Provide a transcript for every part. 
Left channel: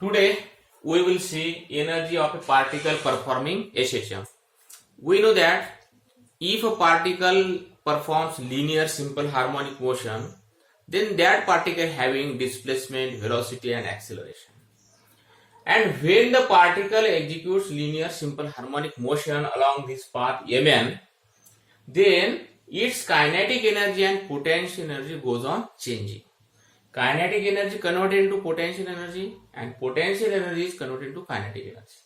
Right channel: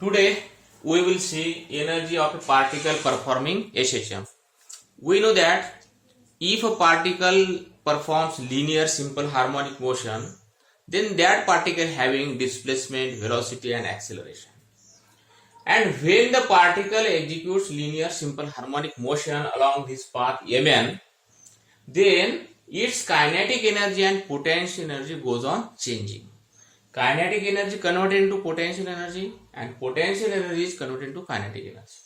Today we will see energy of a particle performing SHM. We know that if a particle performs linear simple harmonic motion, then that particle having displacement, velocity and acceleration. And when the particle executes linear simple harmonic motion along this path Mn, then its kinetic energy and potential energy goes on changing. Kinetic energy converted into potential energy and potential energy is converted into kinetic energy.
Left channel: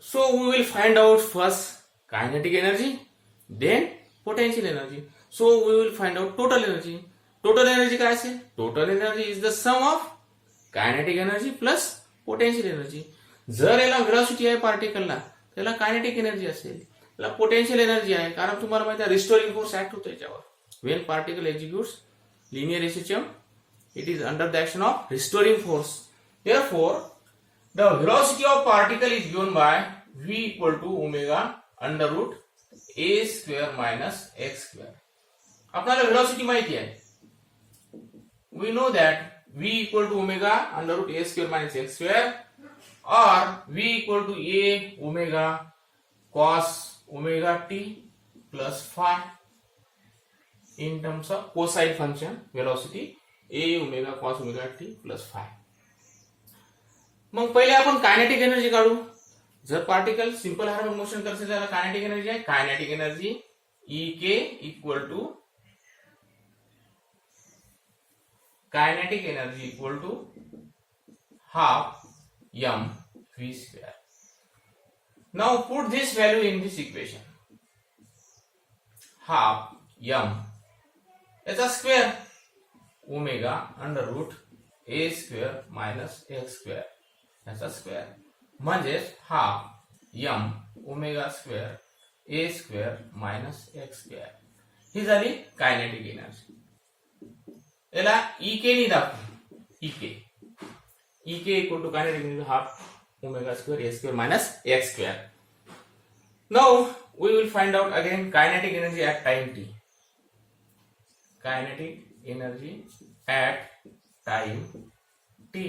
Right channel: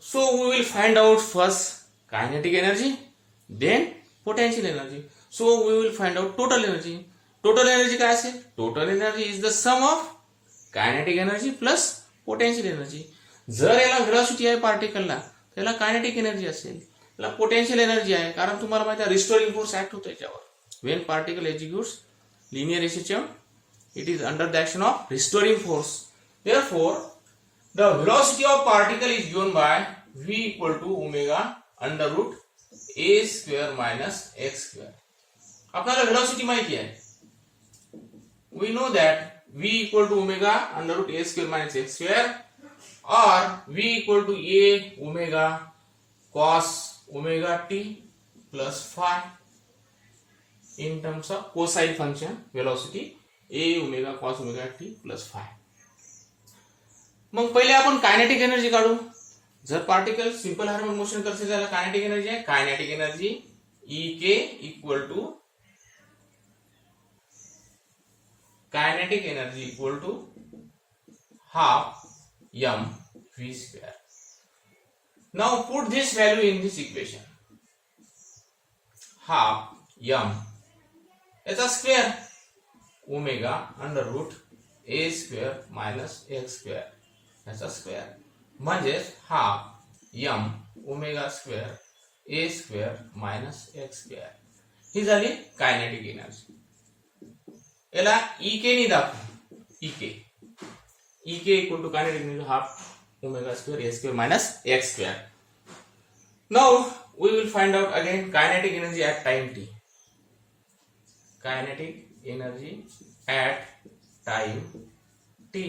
So we will find out first kinetic energy, then potential energy. So we will find out total energy. Total energy काय असेल? Total energy is the sum of kinetic energy plus potential energy. जर याला velocity आहे पार्टिकलला त्याला kinetic energy असेल, याला potential energy आहे कारण तुम्हाला माहिती आहे रिस्टोरिंग फोर्स ऍक्ट होतो याच्यावर. When particle executes linear SHM, it is under the action of restoring force. Therefore, the velocity of particle is given by v equal to omega under root a square minus x square. आपल्याला velocity माहिती आहे. We know that v equal to omega under root a square minus x square or v equal to a omega cos omega t plus phi in terms of cosine function velocity a omega cos omega t plus phi. मग पहिले आपण kinetic energy काढू. जर particle simple harmonic motion करते त्याला kinetic energy आहे. Kinetic energy E k equal to kinetic energy equal to half m v square. Now put this value in this equation. Half m याचा square omega under root a square minus x square याचा square म्हणजे half M omega square ए square minus x square ही झाली kinetic energy. याला E k नी दाखवू. E K equal to kinetic energy half omega square A square minus x square. Now we will find out again kinetic energy at time t. Kinetic energy at time t,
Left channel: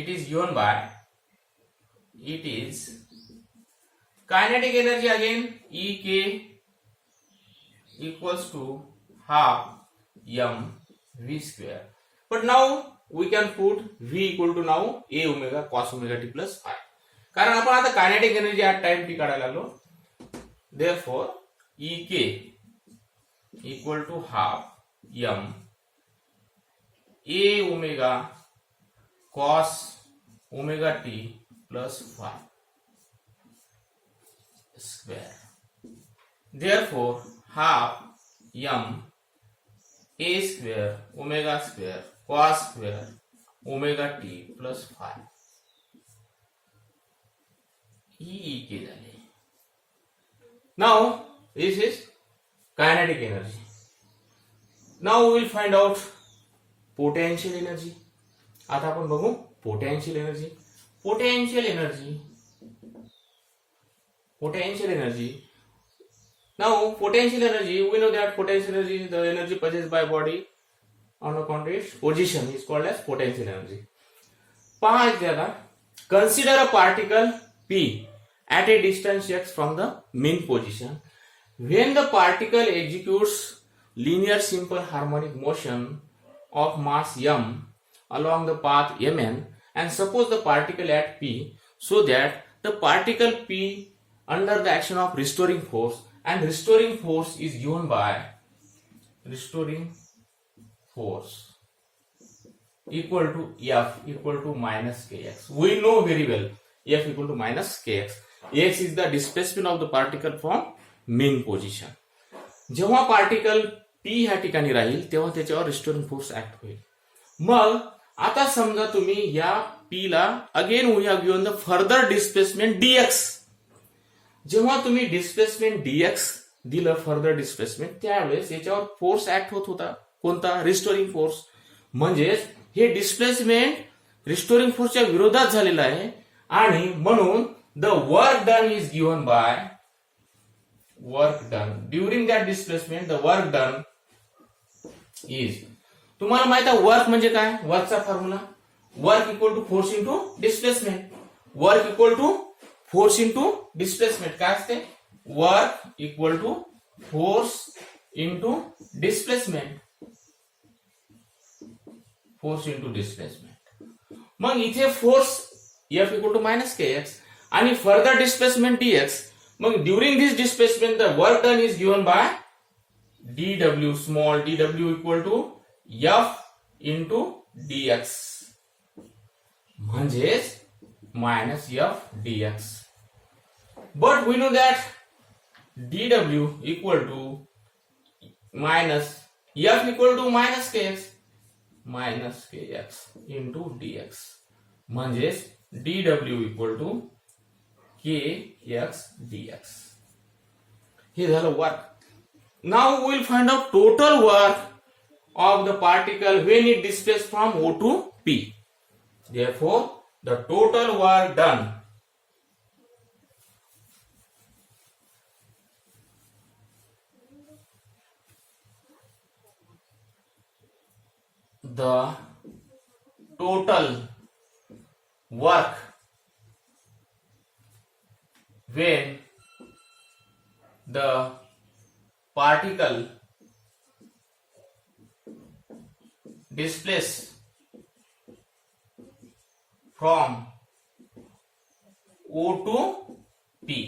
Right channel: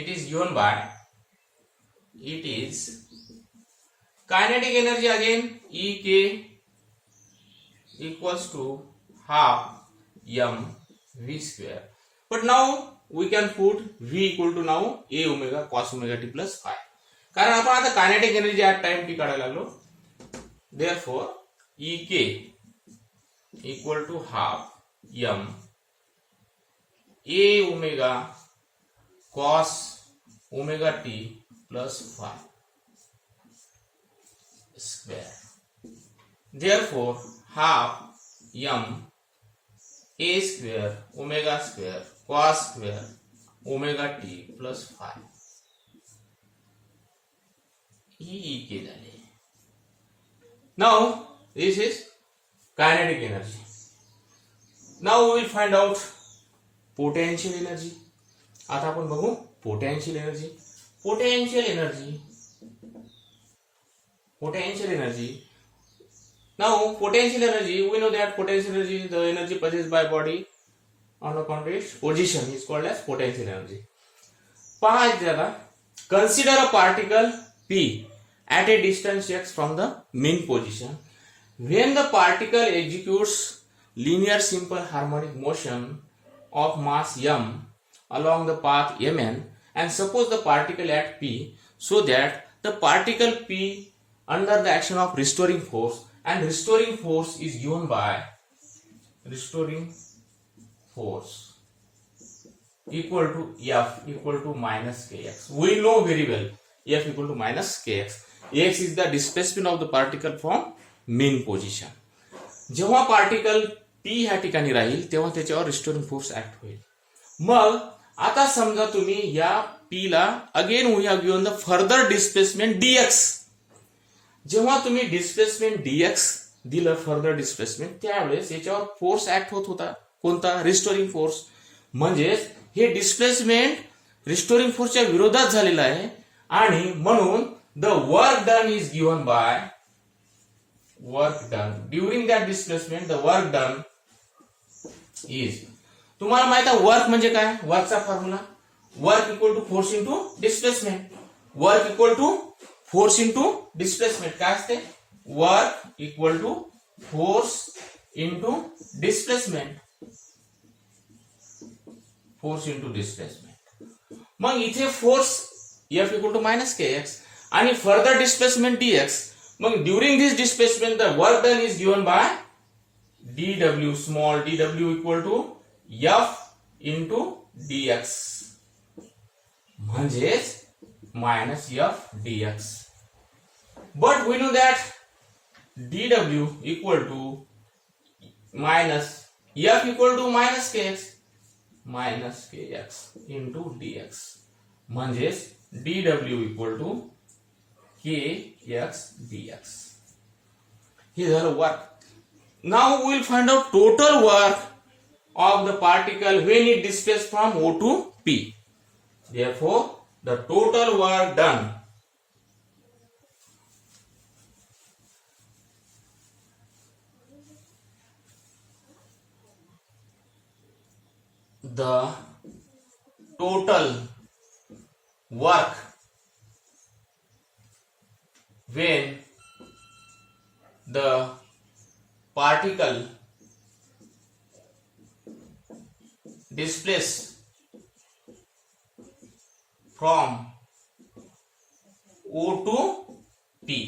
it is given by, it is kinetic energy again E k equals to half m v square. But now we can put v equal to now a omega cos omega t plus phi. कारण आपण आता kinetic energy at time t काढायला लागलो. Therefore E k equal to half m a omega cos omega t plus phi square. Therefore half m a square omega square cos square omega t plus phi E k झाले. Now this is kinetic energy. Now we will find out potential energy. आता आपण बघू potential energy. Potential energy. Now potential energy, we know that potential energy, the energy possessed by body on account of its position is called as potential energy. पहा त्याला consider a particle p at a distance x from the mean position. When the particle executes linear simple harmonic motion of mass m along the path mn and suppose the particle at p, so that the particle p under the action of restoring force, and restoring force is given by restoring force equal to F equal to minus kx. We know very well F equal to minus kx. X is the displacement of the particle from mean position. जेव्हा particle P ह्या ठिकाणी राहील तेव्हा त्याच्यावर restoring force act होईल. मग आता समजा तुम्ही या P ला again we have given the further displacement dx. जेव्हा तुम्ही डिस्प्लेसमेंट dx दिलं फर्दर डिस्प्लेसमेंट त्यावेळेस याच्यावर फोर्स ऍक्ट होत होता. कोणता? Restoring force. म्हणजेच हे डिस्प्लेसमेंट रिस्टोरिंग फोर्सच्या विरोधात झालेलं आहे आणि म्हणून the work done is given bye work done during that displacement. The work done is, तुम्हाला माहित आहे वर्क म्हणजे काय? वर्कचा formula work equal to force into displacement. Work equal to force into displacement काय असते? Work equal to force into displacement. Force into displacement. मग इथे force F equal to minus k x आणि फर्दर डिस्प्लेसमेंट dx. मग during this displacement the work done is given by dw, small dw equal to F into dx म्हणजेच minus F dx. But we know that dw equal to minus F equal to minus kx into dx म्हणजेच dw equal to kx dx. हे झालं work. Now we will find out total work of the particle when it displaces from O to P. Therefore, the total work done when the particle displaces from O to P,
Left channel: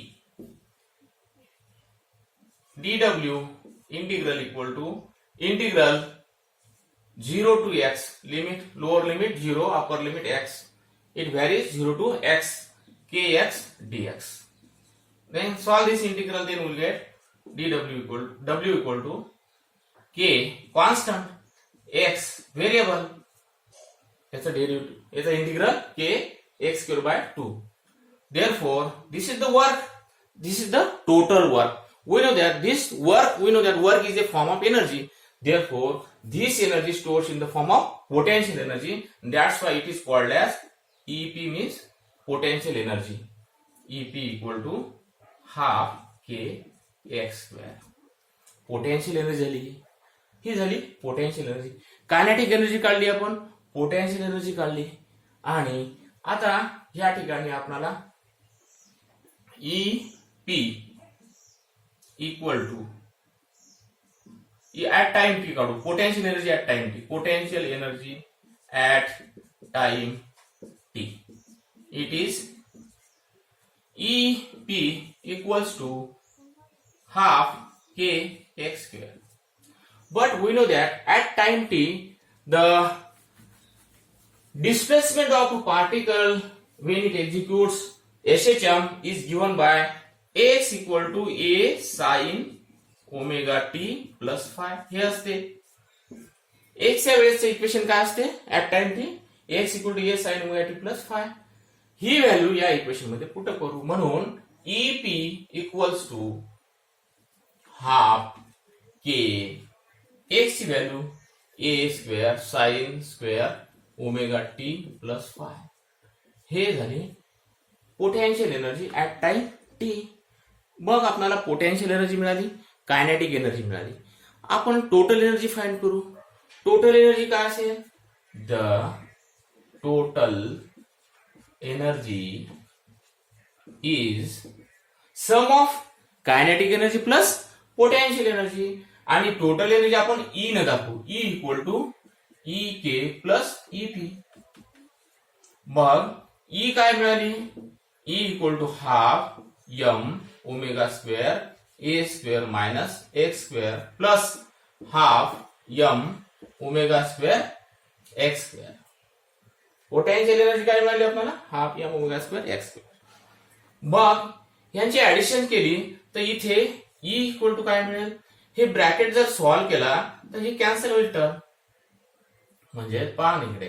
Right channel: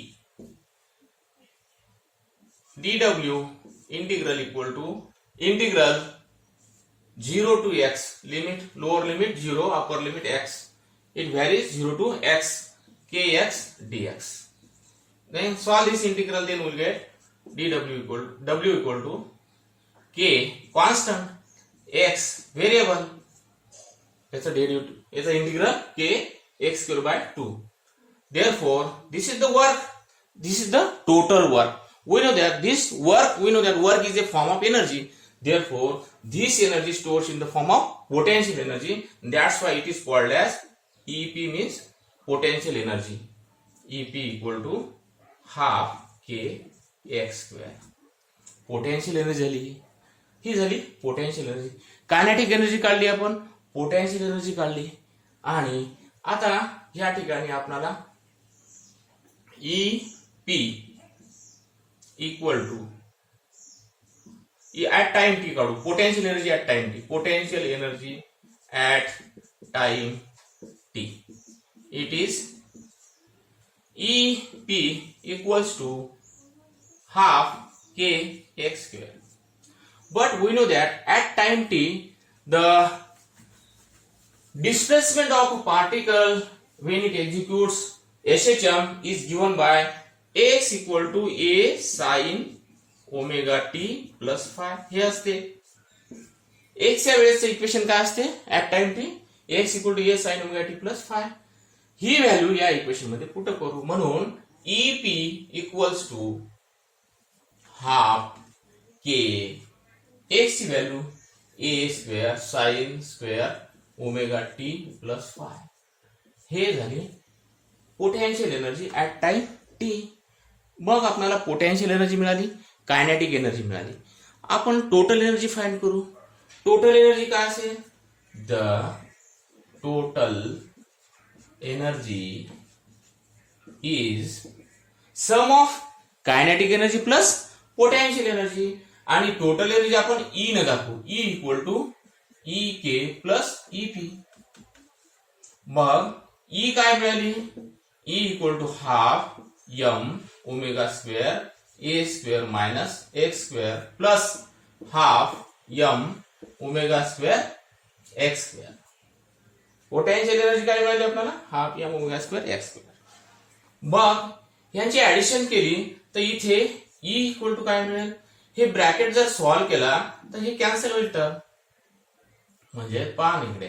dw integral equal to integral 0 to x, limit lower limit 0, upper limit x, it varies 0 to x, kx dx. Then solve this integral, then we'll get dw equal to k constant, x variable, it's a derivative, it's an integral k x square by 2. Therefore, this is the work, this is the total work. We know that work is a form of energy. Therefore, this energy stores in the form of potential energy. That's why it is called as EP, means potential energy. EP equal to half k x square. Potential energy ही झाली potential energy. Kinetic energy काढली आपण, potential energy काढली. आणि आता या ठिकाणी आपल्याला EP equal to at time t काढू. Potential energy at time t, potential energy at time t, it is EP equals to half k x square. But we know that at time t, the displacement of a particle when it executes SHM is given by x equal to a sin omega t plus phi. हे असते x च्या वेळेचं equation काय असते at time t, x equal to a sin omega t plus phi. ही value या equation मध्ये put करू. म्हणून EP equals to half k x ची value a square sine square omega t plus phi. हे झाली potential energy at time t. मग आपल्याला पोटेन्शियल एनर्जी मिळाली, कायनेटिक एनर्जी मिळाली. आपण टोटल एनर्जी फाइंड करू. टोटल एनर्जी काय असेल? The total energy is sum of kinetic energy plus potential energy. आणि टोटल एनर्जी आपण ई न दाखवू, E equal to E k plus E p. मग ई काय मिळाली? E equal to half M omega square A square minus x square plus half M omega square x square. Potential energy काय मिळाली आपल्याला? Half M omega square x square. मग यांची addition केली तर इथे ई इक्वल टू काय मिळेल? हे ब्रॅकेट जर सॉल्व्ह केला तर हे कॅन्सल होईल टर्म. म्हणजे पहा इकडे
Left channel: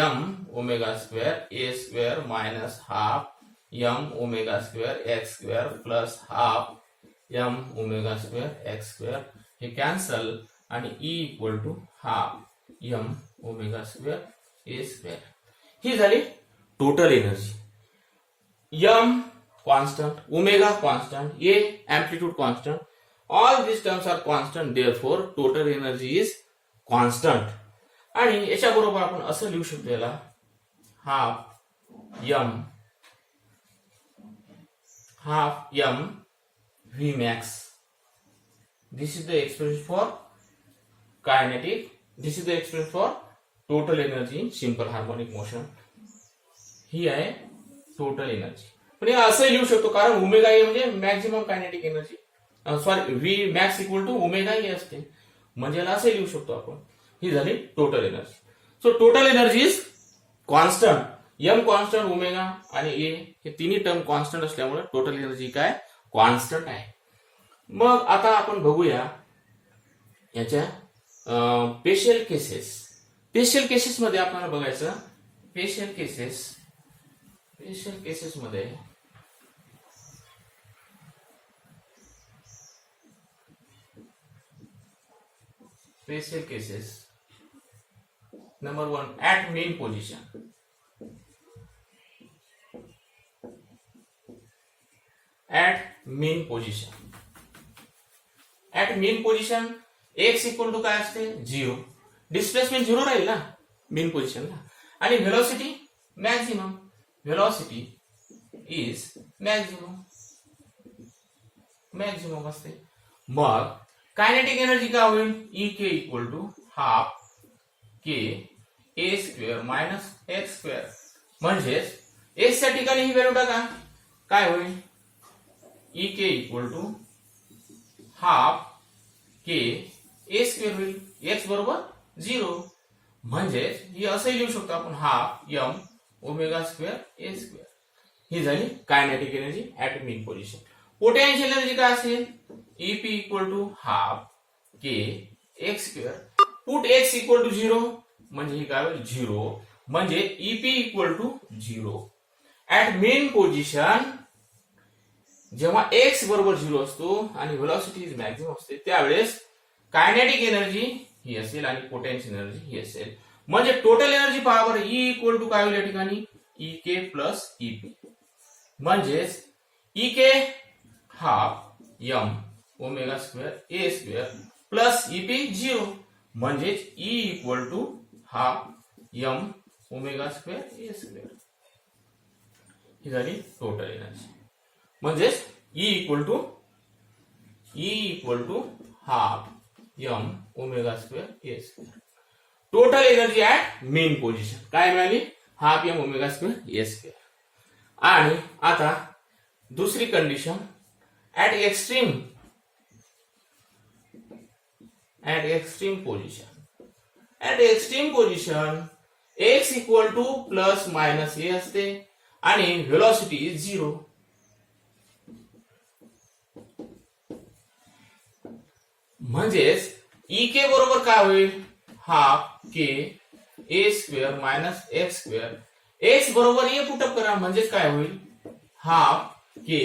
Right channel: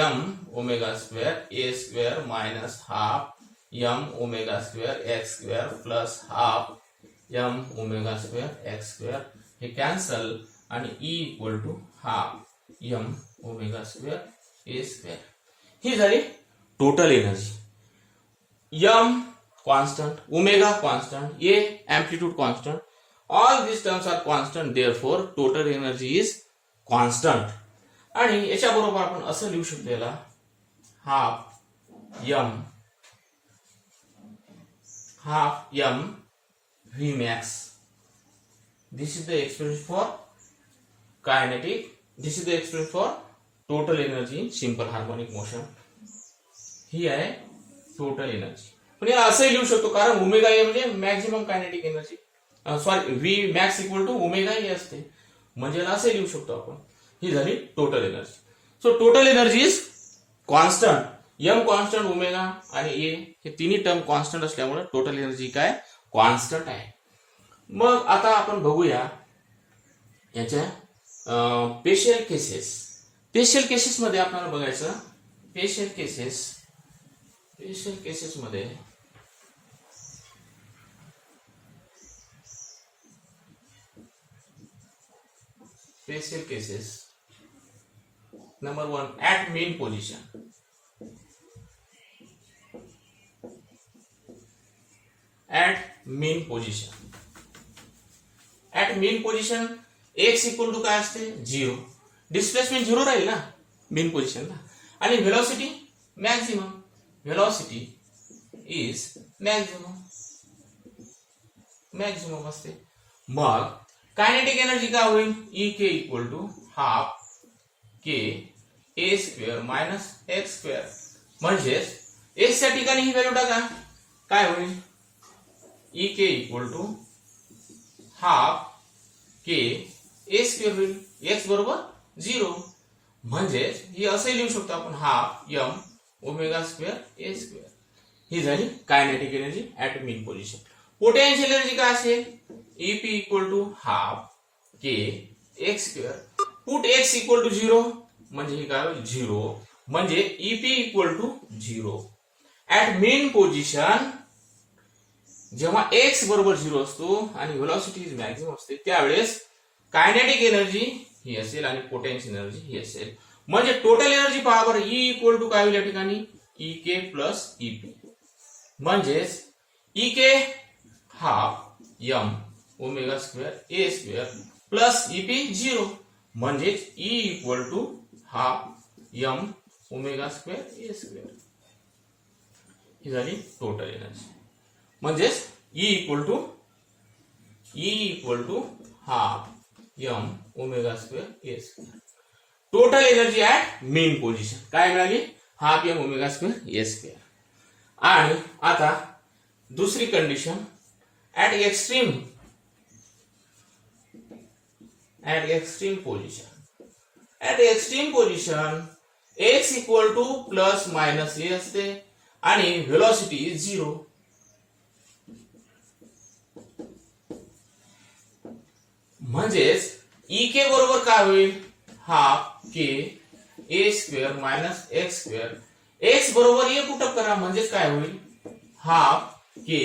एम ओमेगा स्क्वेअर ए square minus half M omega square x square plus half M omega square x square. हे कॅन्सल आणि E equal to half M omega square A square. ही झाली total energy. M constant, omega constant, a amplitude constant. All these terms are constant, therefore total energy is constant. आणि याच्या बरोबर आपण असं लिहू शकतो याला half m v max. This is the expression for kinetic. This is the expression for total energy in simple harmonic motion. ही आहे total energy. पण याला असं लिहू शकतो कारण ओमेगा ए म्हणजे maximum kinetic energy, sorry v max equal to omega a असते, म्हणजे याला असं लिहू शकतो आपण. ही झाली total energy. So total energy is constant, m constant, omega आणि ए हे तिन्ही टर्म कॉन्स्टंट असल्यामुळे टोटल एनर्जी काय कॉन्स्टंट आहे. मग आता आपण बघूया याच्या स्पेशल केसेस. स्पेशल केसेस मध्ये आपल्याला बघायचं स्पेशल केसेस मध्ये special cases number 1 at mean position. At mean position x equal to काय असते 0. डिस्प्लेसमेंट 0 राहील ना मेन पोझिशनला, आणि velocity maximum. Velocity is maximum असते. मग कायनेटिक एनर्जी काय होईल E K equal to half K A square minus x square. म्हणजेच एक्स च्या ठिकाणी ही व्हॅल्यू टाका, काय होईल E K equal to half K A square होईल. एक्स बरोबर 0. म्हणजेच ही असंही लिहू शकतो आपण हाफ एम ओमेगा स्क्वेअर ए स्क्वेअर. ही झाली kinetic energy at mean position. Potential energy काय असेल EP equal to half K x square. Put X equal to 0 म्हणजे ही काय होईल 0. म्हणजे EP equal to 0 at mean position. जेव्हा एक्स बरोबर 0 असतो आणि व्हेलॉसिटी मॅक्झिमम असते त्यावेळेस कायनेटिक एनर्जी ही असेल आणि पोटेन्शियल एनर्जी ही असेल. म्हणजे टोटल एनर्जी पहा बरं ई इक्वल टू काय होईल या ठिकाणी ई के प्लस ईपी. म्हणजेच E k half M omega square ए स्क्वेअर प्लस ईपी 0. म्हणजेच E equal to half M omega square A square. ही झाली टोटल एनर्जी. म्हणजेच E equal to half M omega square A square. Total energy at mean position काय मिळाली half M omega square ए square. आणि आता दुसरी condition at extreme position x equal to plus minus ए असते आणि व्हेलॉसिटी इज 0. म्हणजेच E के बरोबर काय होईल हाफ के ए square minus x square. X बरोबर ए पुटअप करा म्हणजेच काय होईल half K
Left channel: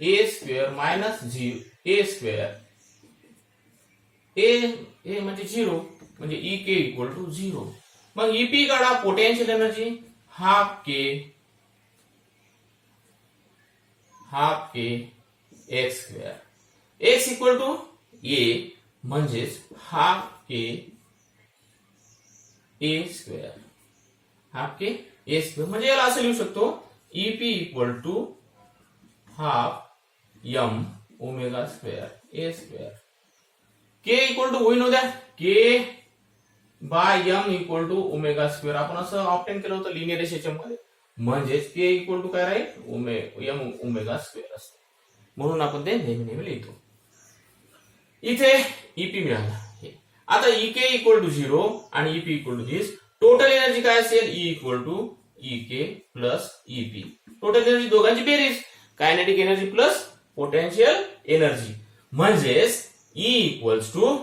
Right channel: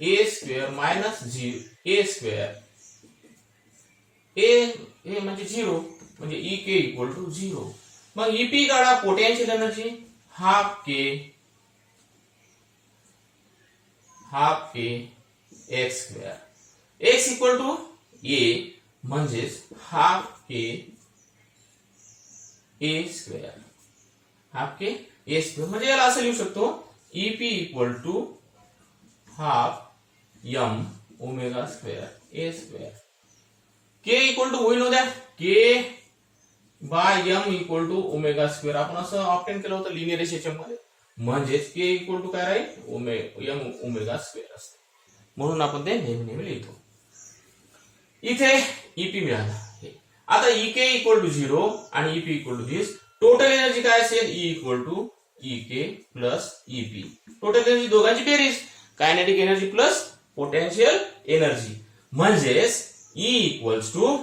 A square minus A square. A म्हणजे 0 म्हणजे ई के इक्वल टू 0. मग ईपी काढा potential energy half K x square. X equal to a म्हणजेच हाफ के ए स्क्वेअर. म्हणजे याला असं लिहू शकतो EP equal to half M omega square A square. K equal to होईल द्या k by m equal to omega square. आपण असं ऑप्टेन केलं होतं लिनियर एसएचएम मध्ये. म्हणजेच के इक्वल टू काय राहील एम ओमेगा स्क्वेअर असते. म्हणून आपण ते नेहमी लिहितो. इथे ईपी मिळाला. आता ई के इक्वल टू 0 आणि EP equal to this. Total energy काय असेल E equal to E k plus EP. Total energy दोघांची बेरीज kinetic energy plus potential energy. म्हणजेच E equals to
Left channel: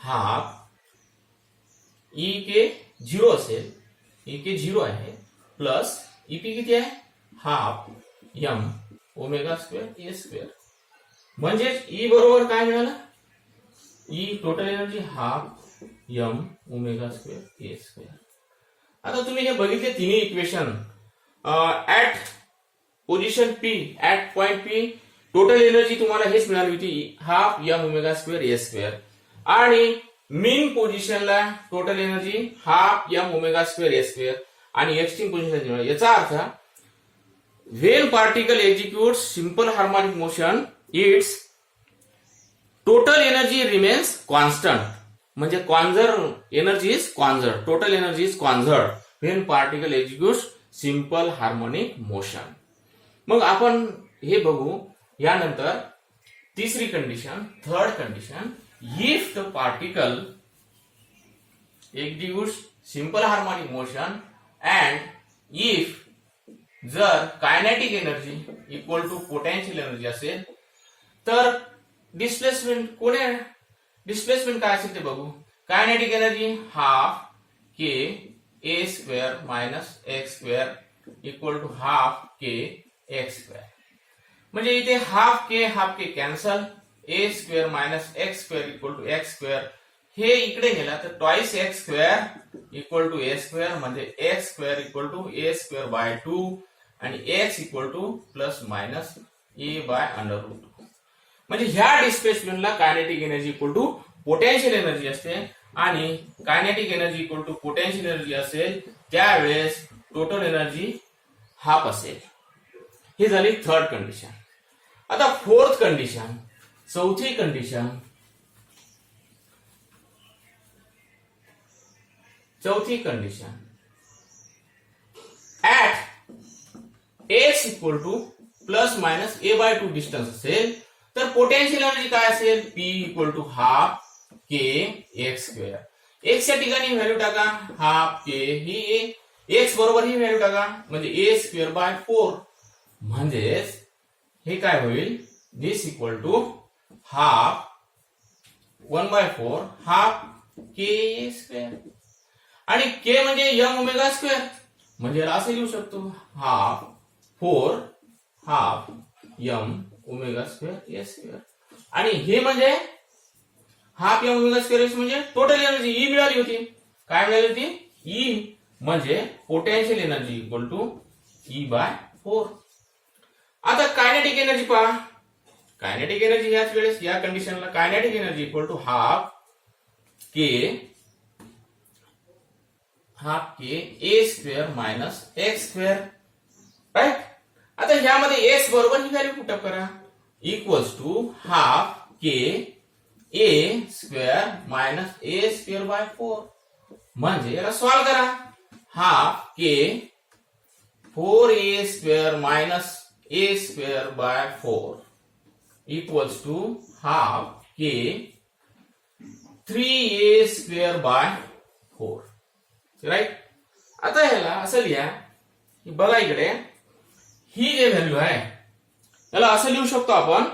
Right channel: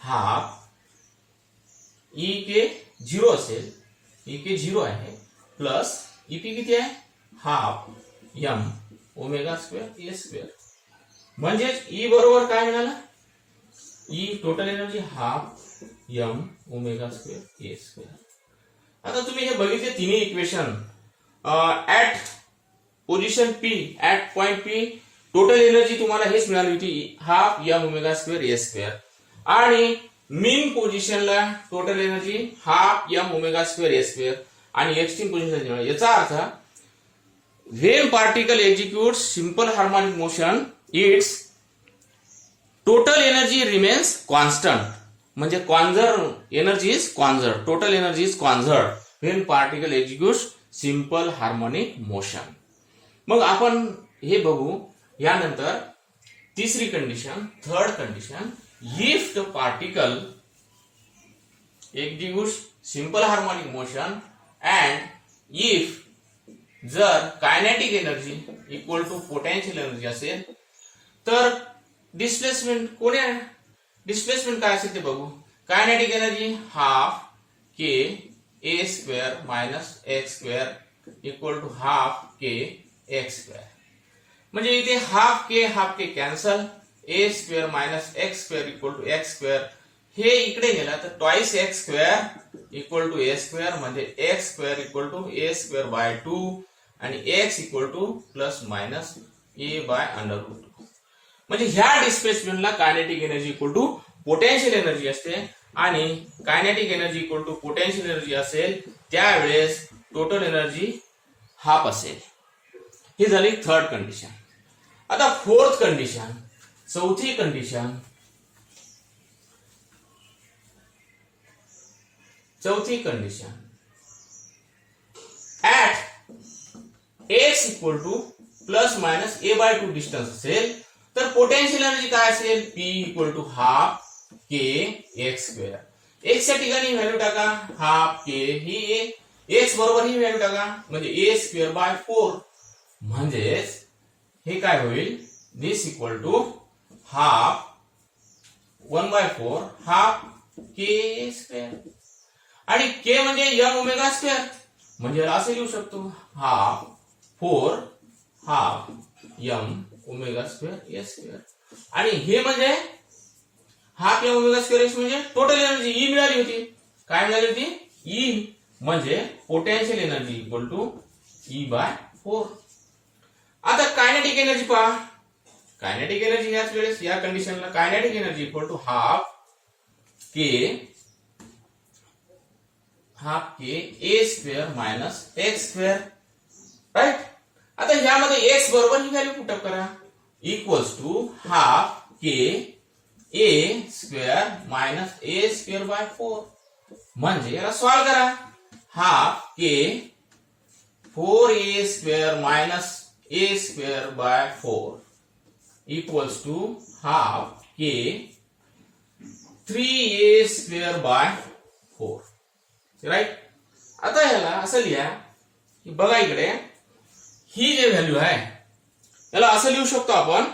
half E k 0 असेल, E k 0 आहे plus EP किती आहे हाफ एम ओमेगा स्क्वेअर ए square. म्हणजेच ई बरोबर काय मिळालं E total energy half M omega square ए स्क्वेअर. आता तुम्ही हे बघितले तिन्ही equation at position P at point P total energy तुम्हाला हेच मिळाली होती हाफ एम ओमेगा स्क्वेअर ए स्क्वेअर. आणि मीन पोझिशनला total energy half M omega square ए स्क्वेअर आणि एक्स्ट्रीम पोझिशनला याचा अर्थ when particle execute simple harmonic motion it's total energy remains constant म्हणजे conserve energy is conserve total energy is conserve when particle execute simple harmonic motion. मग आपण हे बघू यानंतर तिसरी condition third condition if the particle executes simple harmonic motion and if जर kinetic energy equal to potential energy असेल तर displacement काय असेल ते बघू. Kinetic energy half K A square minus x square equal to half K x square. म्हणजे इथे half K cancel a square minus x square equal to x square हे इकडे गेला तर twice x square equal to a square म्हणजे x square equal to a square by 2 आणि x equal to plus minus A by under root 2. म्हणजे ह्या डिस्प्लेसमेंटला kinetic energy equal to potential energy असते आणि kinetic energy equal to potential energy असेल त्यावेळेस total energy half असेल. ही झाली थर्ड कंडिशन. आता फोर्थ कंडिशन चौथी condition at X equal to plus minus A by 2 distance असेल तर पोटेन्शियल एनर्जी काय असेल P equal to half K x square. X च्या ठिकाणी व्हॅल्यू टाका हाफ के ही एक्स बरोबर ही व्हॅल्यू टाका म्हणजे ए स्क्वेअर बाय 4 म्हणजेच हे काय होईल this equal to half 1/4 half k square आणि के म्हणजे यम ओमेगा स्क्वेअर म्हणजे असे लिहू शकतो half 4 half m omega square ए स्क्वेअर आणि हे म्हणजे half m omega square x म्हणजे टोटल एनर्जी ई मिळाली होती. काय मिळाली होती ई म्हणजे potential energy equal to E by 4. आता कायनेटिक एनर्जी पहा. कायनेटिक एनर्जी याच वेळेस या कंडिशनला kinetic energy equal to half K A square minus x square right. आता ह्यामध्ये एक्स बरोबर ही व्हॅल्यू पुटअप करा equals to half K A square minus A square by 4 म्हणजे याला सॉल्व करा half K 4a square minus A square by 4 equals to half K 3a square by 4 right. आता ह्याला असं लिहा की बघा इकडे ही जे व्हॅल्यू आहे याला असं लिहू शकतो आपण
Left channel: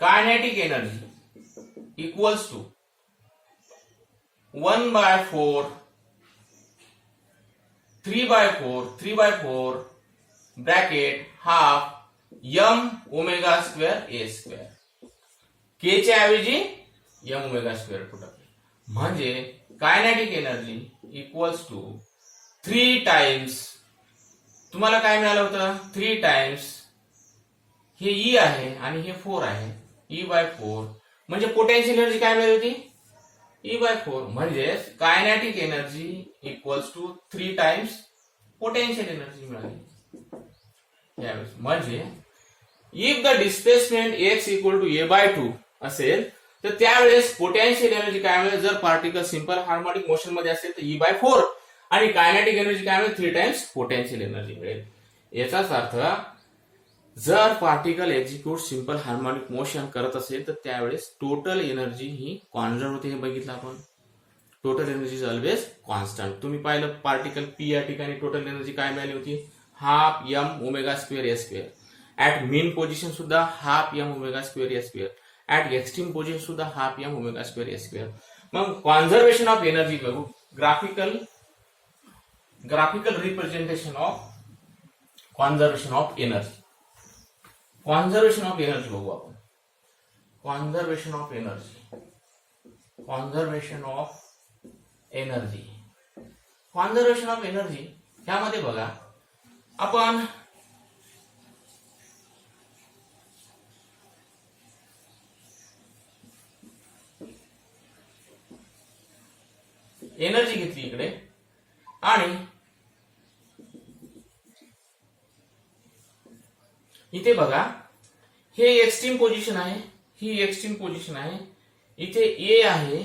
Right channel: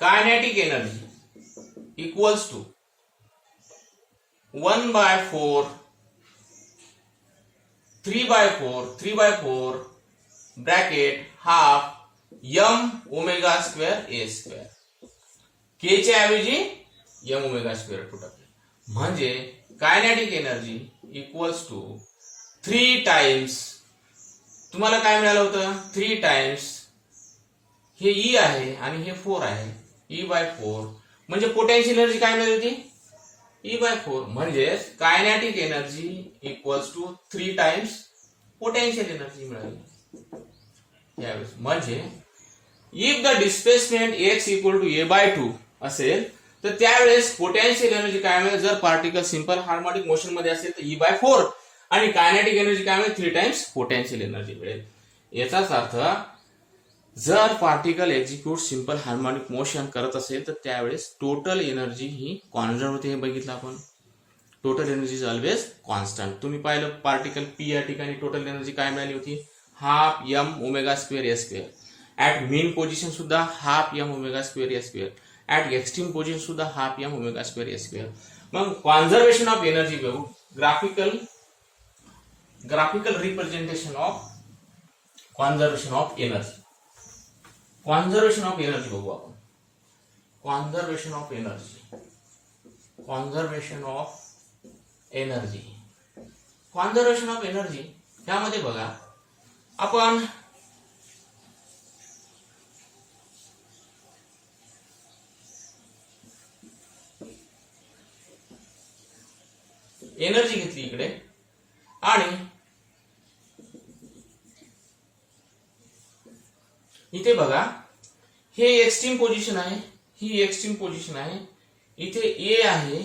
kinetic energy equals to 1/4 3/4 bracket half m omega square A square k च्या ऐवजी यम ओमेगा स्क्वेअर टू टाकले म्हणजे kinetic energy equals to 3 times तुम्हाला काय मिळालं होतं 3 टाइम्स हे ई आहे आणि हे 4 आहे ई बाय 4 म्हणजे पोटेन्शियल एनर्जी काय मिळाली होती ई बाय 4 म्हणजे kinetic energy equals to 3 times potential energy मिळाली यावेळेस. म्हणजे if the displacement X equal to A by 2 असेल तर त्यावेळेस पोटेन्शियल एनर्जी काय मिळेल जर पार्टिकल सिंपल हार्मोनिक मोशन मध्ये असेल तर ई बाय 4 आणि कायनेटिक एनर्जी काय मिळेल 3 टाइम्स पोटेन्शियल एनर्जी मिळेल. याचाच अर्थ जर particle execute simple harmonic motion करत असेल तर त्यावेळेस टोटल एनर्जी ही कॉन्स्टंट होते. हे बघितलं आपण total energy is always constant. तुम्ही पाहिलं पार्टिकल पी या ठिकाणी टोटल एनर्जी काय मिळाली होती half m omega square A square. At mean position सुद्धा half m omega square A square. At extreme position सुद्धा हाफ यम ओमेगा स्क्वेअर ए square. मग कॉन्झर्वेशन ऑफ एनर्जी बघू graphical representation of conservation of energy. Conservation of energy बघू आपण. Conservation of energy ह्यामध्ये बघा आपण energy घेतली इकडे आणि इथे बघा हे एक्स्ट्रीम पोझिशन आहे, ही एक्स्ट्रीम पोझिशन आहे, इथे ए आहे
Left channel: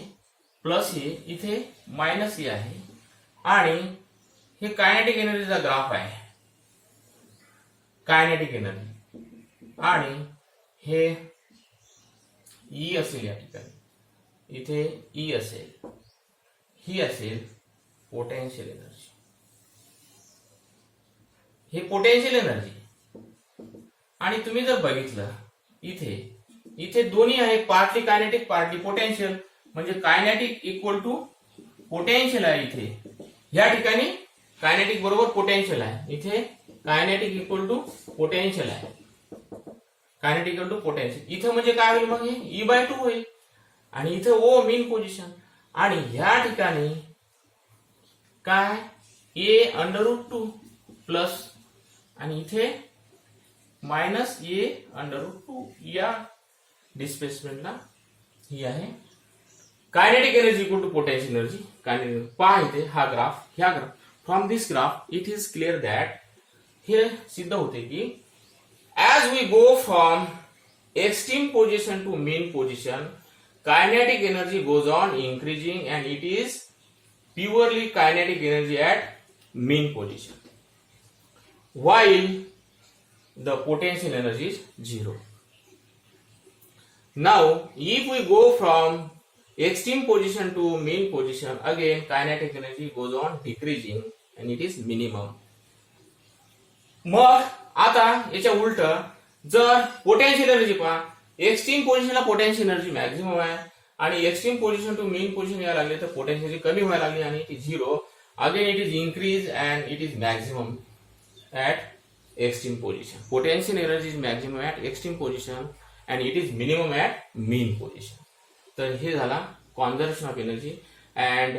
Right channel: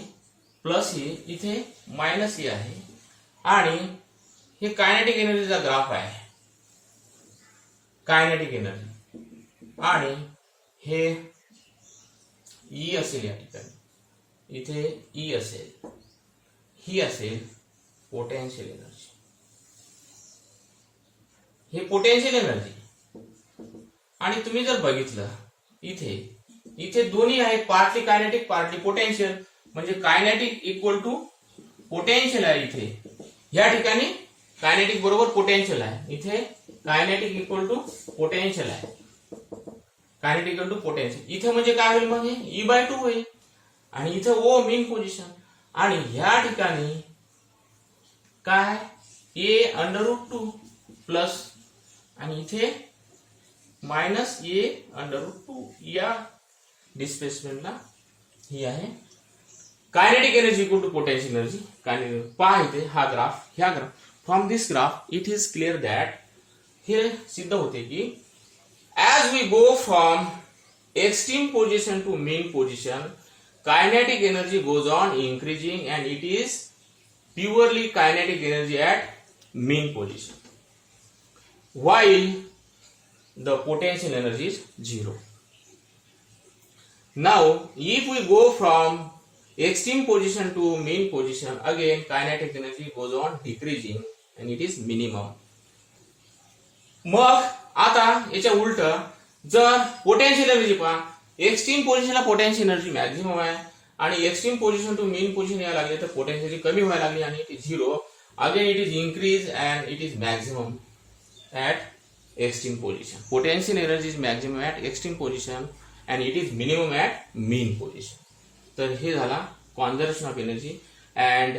प्लस ए, इथे मायनस ए आहे आणि हे कायनेटिक एनर्जीचा ग्राफ आहे, कायनेटिक एनर्जी, आणि हे ई असेल या ठिकाणी, इथे ई असेल, ही असेल पोटेन्शियल एनर्जी, हे पोटेन्शियल एनर्जी. आणि तुम्ही जर बघितलं इथे इथे दोन्ही आहे, पार्टली कायनेटिक पार्टली पोटेन्शियल, म्हणजे कायनेटिक इक्वल टू पोटेन्शियल आहे. इथे या ठिकाणी कायनेटिक बरोबर पोटेन्शियल आहे, इथे कायनेटिक इक्वल टू पोटेन्शियल आहे, कायनेटिक इक्वल टू पोटेन्शियल. इथे म्हणजे काय होईल मग, हे E/2 होईल आणि इथे ओ मीन पोझिशन, आणि ह्या ठिकाणी काय A√2 प्लस आणि इथे मायनस A√2 या डिस्प्लेसमेंटला ही आहे kinetic energy equal to potential energy. पहा इथे हा ग्राफ, ह्या graph, from this graph it is clear that, हे सिद्ध होते की as we go from extreme position to mean position, kinetic energy goes on increasing and it is purely kinetic energy at mean position, while the potential energy is 0. Now if we go from extreme position to mean position, again kinetic energy goes on decreasing and it is minimum. मग आता याच्या उलट जर potential energy पहा, extreme पोझिशनला potential energy maximum आहे आणि extreme position to mean position यायला लागले तर पोटेन्शियल एनर्जी कमी व्हायला लागली आणि it is 0. Again it is increase and it is maximum at extreme position. Potential energy is maximum at extreme position and it is minimum at mean position. तर हे झाला conservation of energy and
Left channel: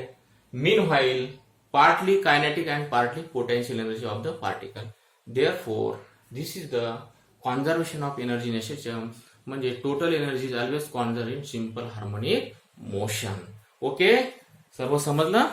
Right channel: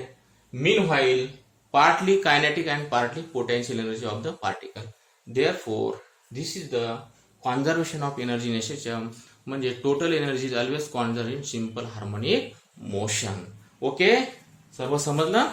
meanwhile partly kinetic and partly potential energy of the particle. Therefore, this is the conservation of energy in SHM, म्हणजे total energy is always conserve in simple harmonic motion. Okay, सर्व समजलं.